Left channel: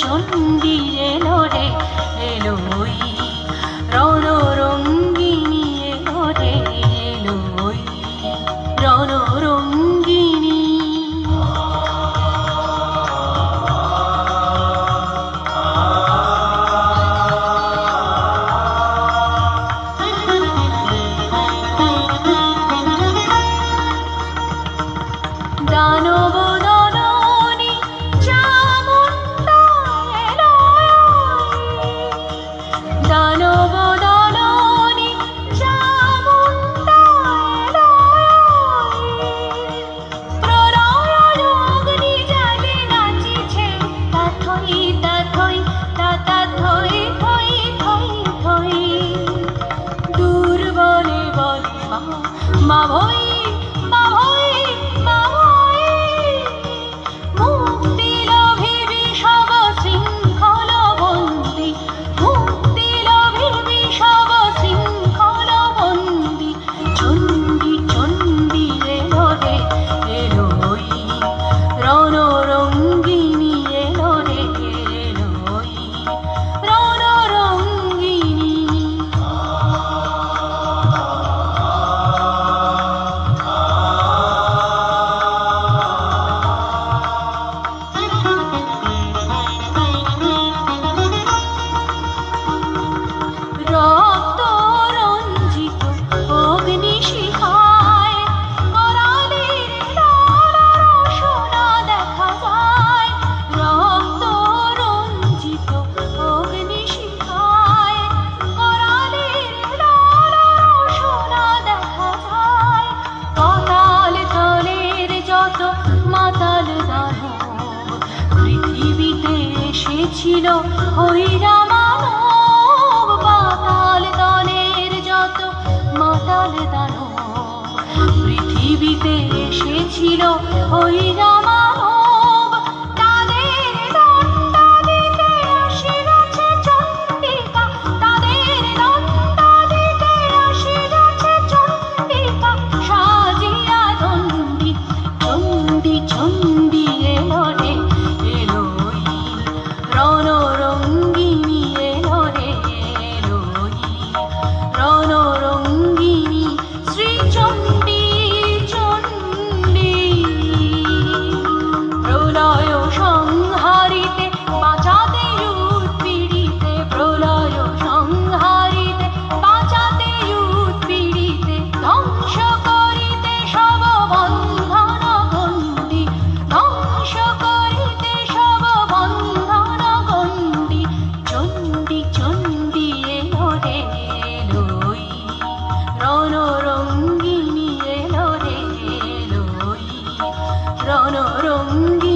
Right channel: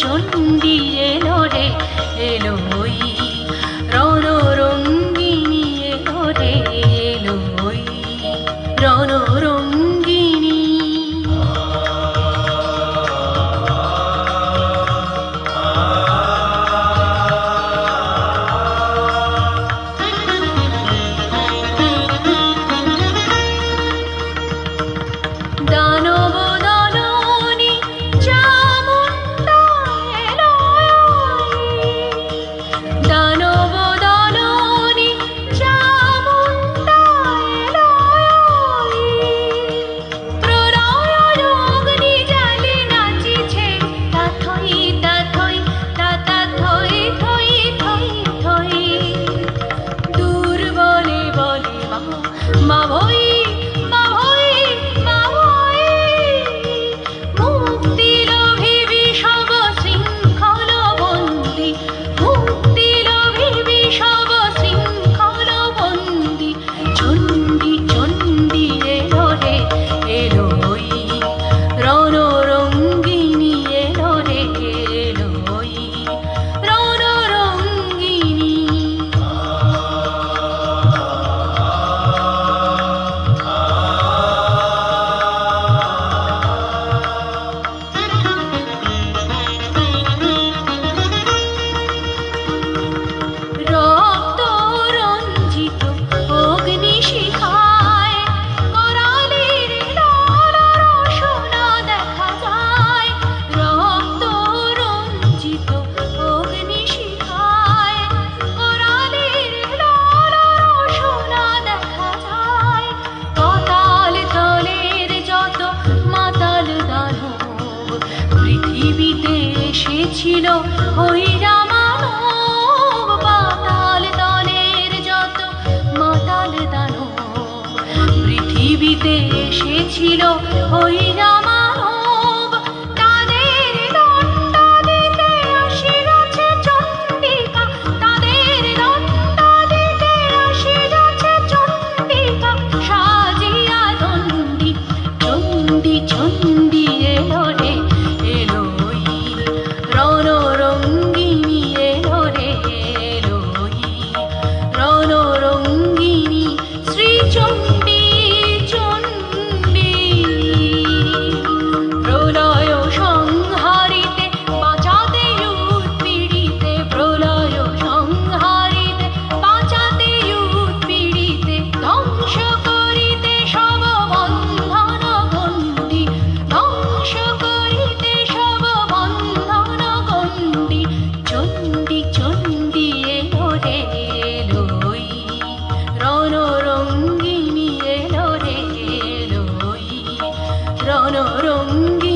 চণ্ডী এলো রে এলো ওই রণরঙ্গিনী এলো রে এলো ওই রণরঙ্গিনী। দানব দলনী চামুণ্ডা এলো দানব দলনী চামুণ্ডা এলো প্রলয় অগ্নি জ্বালে নাচিছে তাথই তাথই তাতা থই থই থই থই দুর্বলে বলে মা ভই পৃথিবীতে এসেছিল হইরা মানব পাতাল তলের যত মাতাল দানব পৃথিবীতে এসেছিল হইরা মানব তাদের দণ্ড দিতে আসিয়াছে চণ্ডিকা তাদের দণ্ড দিতে আসিয়াছে চণ্ডিকা সাজিয়া দণ্ডী চণ্ডী চণ্ডী এলো রে এলো ওই রণরঙ্গিনী এলো রে এলো ওই রণরঙ্গিনী শ্রী চণ্ডী চণ্ডী প্রলয় সংহারিতে বাঁচাতে উৎপীড়িতে প্রলয় সংহারিতে বাঁচাতে উৎপীড়িতে ধ্বংস করিতে সব বন্ধন গণ্ডি ধ্বংস করিতে সব বন্ধন গণ্ডি চণ্ডী চণ্ডী এলো রে এলো ওই রণরঙ্গিনী এলো রে এলো ওই রণরঙ্গিনী।